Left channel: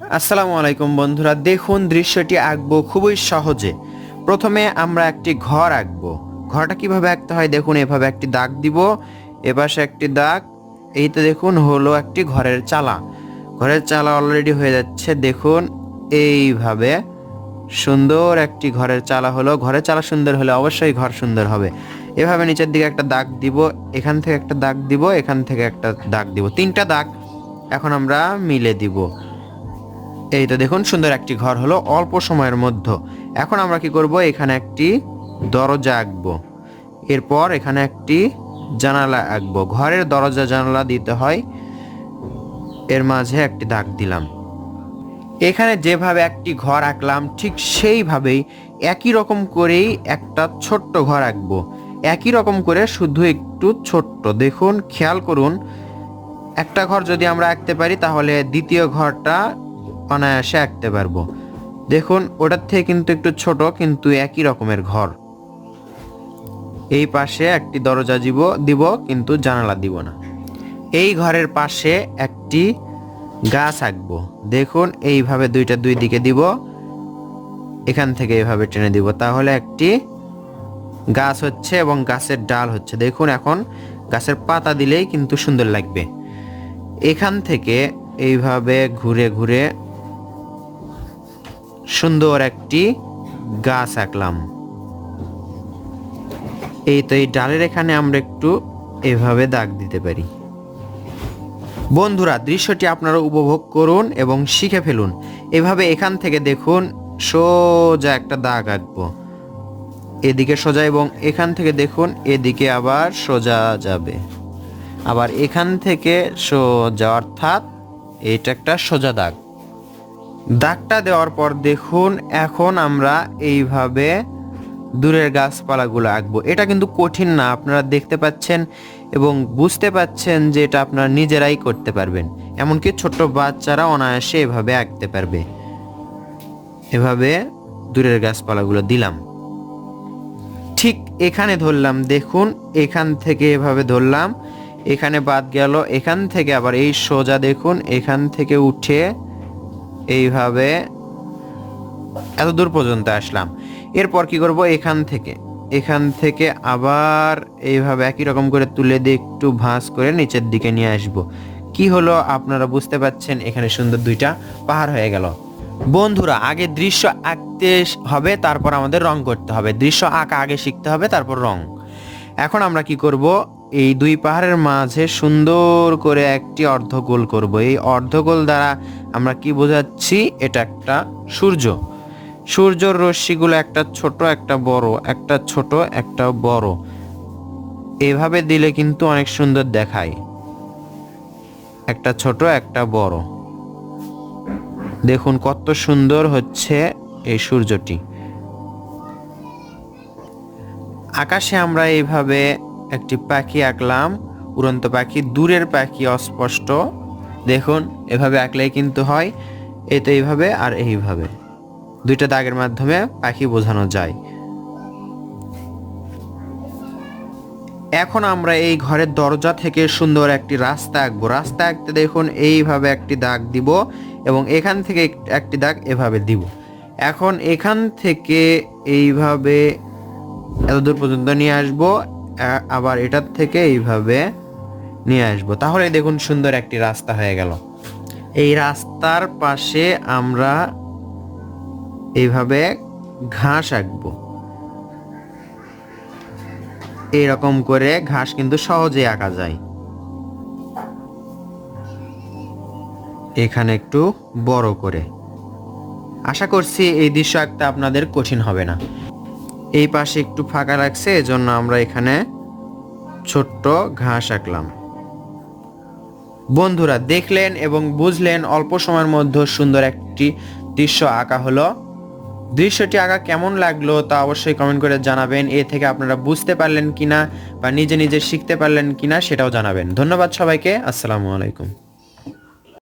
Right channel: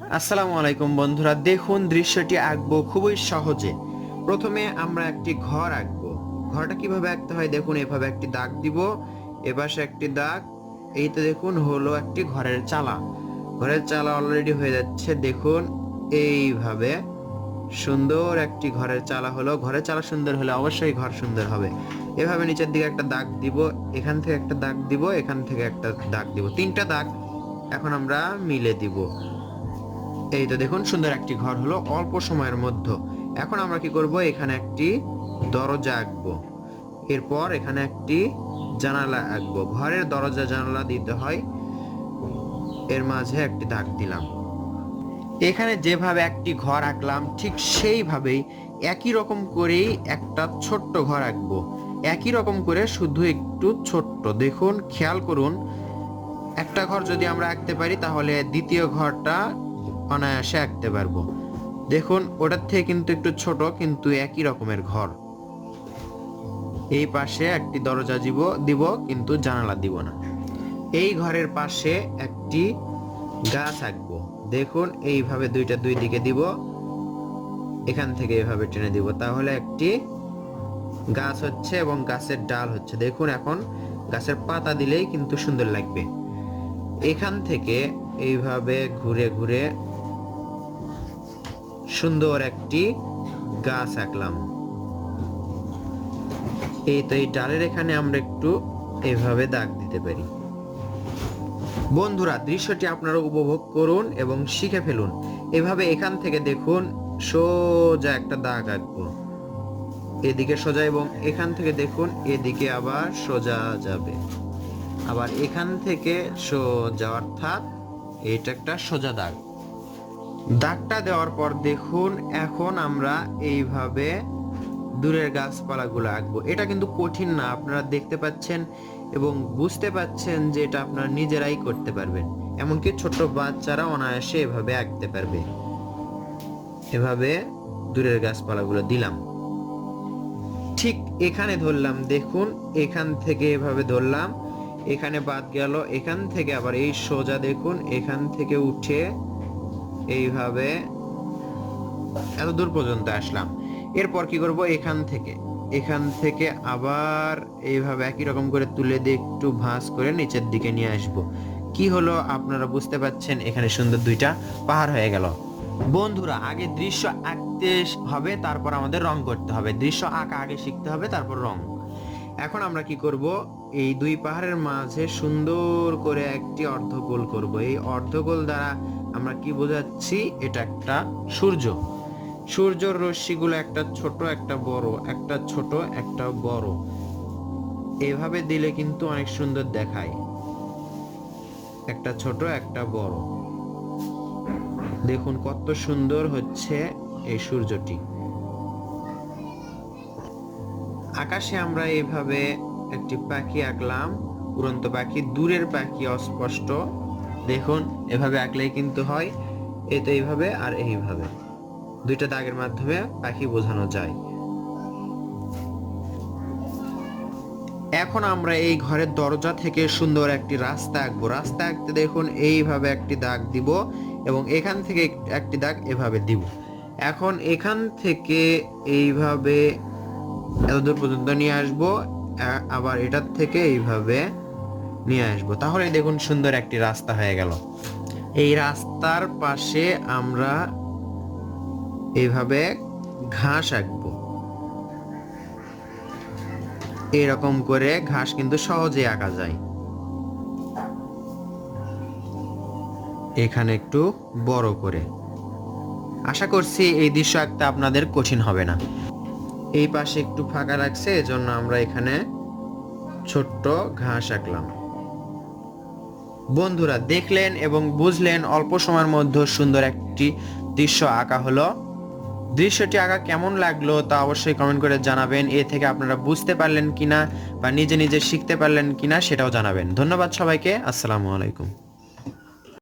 আসসালামু আলাইকুম বন্ধুরা, দেখুন দৃশ্যটি আঁকবো খুবই সহজে। প্রথমে আমরা একটি ঘর আঁকবো। ঘরটা কিভাবে আঁকতে হয় দেখুন, এভাবে একটি দাগ দিব, এপাশে একটি দাগ। এই তো দেখুন হলো একটি ঘরের চালা। ঘরের চালা অলরেডি হয়ে যাচ্ছে, দেখুন এইভাবে সুন্দর একটি ঘরের চালা হলো। ঘরের চালা সুন্দর হলে অবশ্যই ঘর সুন্দর হবে। এভাবে নিচের দিকে একটা দাগ দিব, এখান থেকে একটা দাগ দিব, এখান থেকে একটা দাগ দিব, তিনটা দাগ এখন আমরা মিলে দিব। এই তো দেখুন সুন্দর একটি ঘর হলো অল্প সময়ের মধ্যে। এখন আমরা কি করব, এখানে একটি দরজা আঁকবো, এরপর এখানে একটি জানালা আঁকবো। ঘরের দরজা জানালা দিতে হয়, এর মাঝে একটি দাগ দিলাম। এখানে যেভাবে একটি ঘর আঁকলাম ঠিক সেইভাবেই একই রকম করেই একটা ছোট্ট ঘর আঁকবো। একই রকম করে শুধু একটু ছোট্ট, দেখুন খেয়াল করুন, একটা ঘর যদি আমরা আঁকতে পারি তাহলে দ্বিতীয় ঘরটা অনায়াসে আঁকতে পারবো। দেখুন ওটার থেকে কিন্তু একটু ছোট, কিন্তু একই রকমের ঘর। এই পাশে একটি দরজা দিব কিন্তু জানালা দিব না। এই ঘরের পাশে একটি গাছ আঁকবো। দেখুন এইভাবে দুইটা দুই দিকে দিব, এখান থেকে এইভাবে টেনে দিব, তাহলে একটি গাছ হচ্ছে এবং গাছের ডাল হচ্ছে। দেখুন এখন গাছের পাতা দিলেই কিন্তু সুন্দর লাগবে। এখান থেকে এইভাবে ঘুরে ঘুরে সুন্দর একটি গাছ আঁকলাম। এই তো এই ডালের এখানে আমরা একটু এভাবে দাগ দিতে পারি। বন্ধুরা দৃশ্যটি আপনারা উপভোগ করুন এবং শিখে ফেলুন। এভাবে এখান থেকে দেখুন সোজা একটা দাগ আঁকবো, এদিকে সোজা, এবং এখান থেকে দেখুন এদিকে আবার সোজা যাবে, আবার এখান থেকে সোজা, অর্থাৎ এটা একটা সোজা দাগ। দাগটা দেওয়ার পর দেখুন এখন আমরা এইভাবে দূরের গাছপালাগুলো আঁকবো। এটা কিন্তু কঠিন না, আপনারা দেখতে পাচ্ছেন এবং বুঝতে পাচ্ছেন যে এটা আপনারা নিজেরাই করতে পারবেন। এমনকি ছোট্ট বাচ্চারা অনায়াসে এভাবে আঁকতে পারবে। এভাবে দূরের গাছপালাগুলো দিলাম, ঠিক এখানে ধরলাম, দেখুন এখান থেকে এভাবে ধরলাম, এখানে বাদ গেল, এখান থেকে আবার এই সোজা, দেখুন এখান থেকে উঠে এইভাবে এত দূর পর্যন্ত আসলাম। এরপর কি করব, এখান থেকে আবার এইভাবে একই রকম করে তুলে দিয়ে একটু ভাঁজ করে নিচের দিকে নিয়ে আসব। কি হলো আপনারা বুঝতে পাচ্ছেন, এখানে সুন্দর দুইটা পাহাড় হয়ে গেল। বন্ধুরা আগে দৃশ্য আঁকতে হবে, তারপর আমাদের রং করতে হবে। দৃশ্য আঁকা আগে শিখতে হবে, তারপর রং। এখন আমরা কি করব, এই দুই পাহাড়ের মাঝে সুন্দর করে একটি অর্ধগোল করব। এই অর্ধগোল দ্বারা আমরা কি বোঝাচ্ছি, এটা একটা সূর্য। সূর্যর রশ্মিগুলো একটা ছোট একটা বড়, একটা ছোট একটা বড়, এভাবে দিলে কিন্তু অনেক সুন্দর দেখায়। একটা ছোট একটা বড়, দেখুন কত সুন্দর হচ্ছে এই সূর্যটি। আকাশে আমরা এইভাবে একটি পাখি আঁকলাম, উড়ন্ত পাখি, দূরের পাখি অস্পষ্ট। দেখুন এভাবে আঁকলেই কিন্তু হয়। এই তো এইভাবে আর এইভাবে দুইটা দাগের মাধ্যমে পাখি বোঝানো যায়। এখন আমরা এই ঘরের দরজা থেকে সুন্দর একটি রাস্তা আঁকবো। রাস্তা আঁকতে দেখুন এইভাবে একটি দাগ দিব এবং এখান থেকে একটি দাগ এভাবে দিব। এখন এখান থেকে এইভাবে এতদূর পর্যন্ত নিয়ে আসবো, আবার এটার থেকে এইভাবে নিয়ে আসবো, তাহলে দেখুন সুন্দর একটি রাস্তা হয়ে গেল। এই রাস্তার পাশে আমরা এইভাবে ঘাস আঁকবো। এইরকম করে ঘাস কিন্তু সহজে আঁকা যায়। এখানে একটু বড় করে, আশা করছি এই দৃশ্য আঁকতে আপনাদের কঠিন হবে না। এই পাশে একটু ফাঁকা রাখছে, এজন্য আমরা এখানে ছোট্ট ঘাস আঁকলাম। বন্ধুরা দেখলেন এবং বুঝলেন, অল্প সময়ের মধ্যে সুন্দর একটি দৃশ্য আঁকা হলো। দৃশ্যটি আঁকা কেমন লাগলো তা অবশ্যই কমেন্ট করে জানাবেন। এ থেকে আপনারা বুঝতে পারলেন কিনা বা নিজে নিজে শিখতে পারলেন কিনা সেটাও জানাবেন। ধন্যবাদ সবাইকে, আসসালামু আলাইকুম।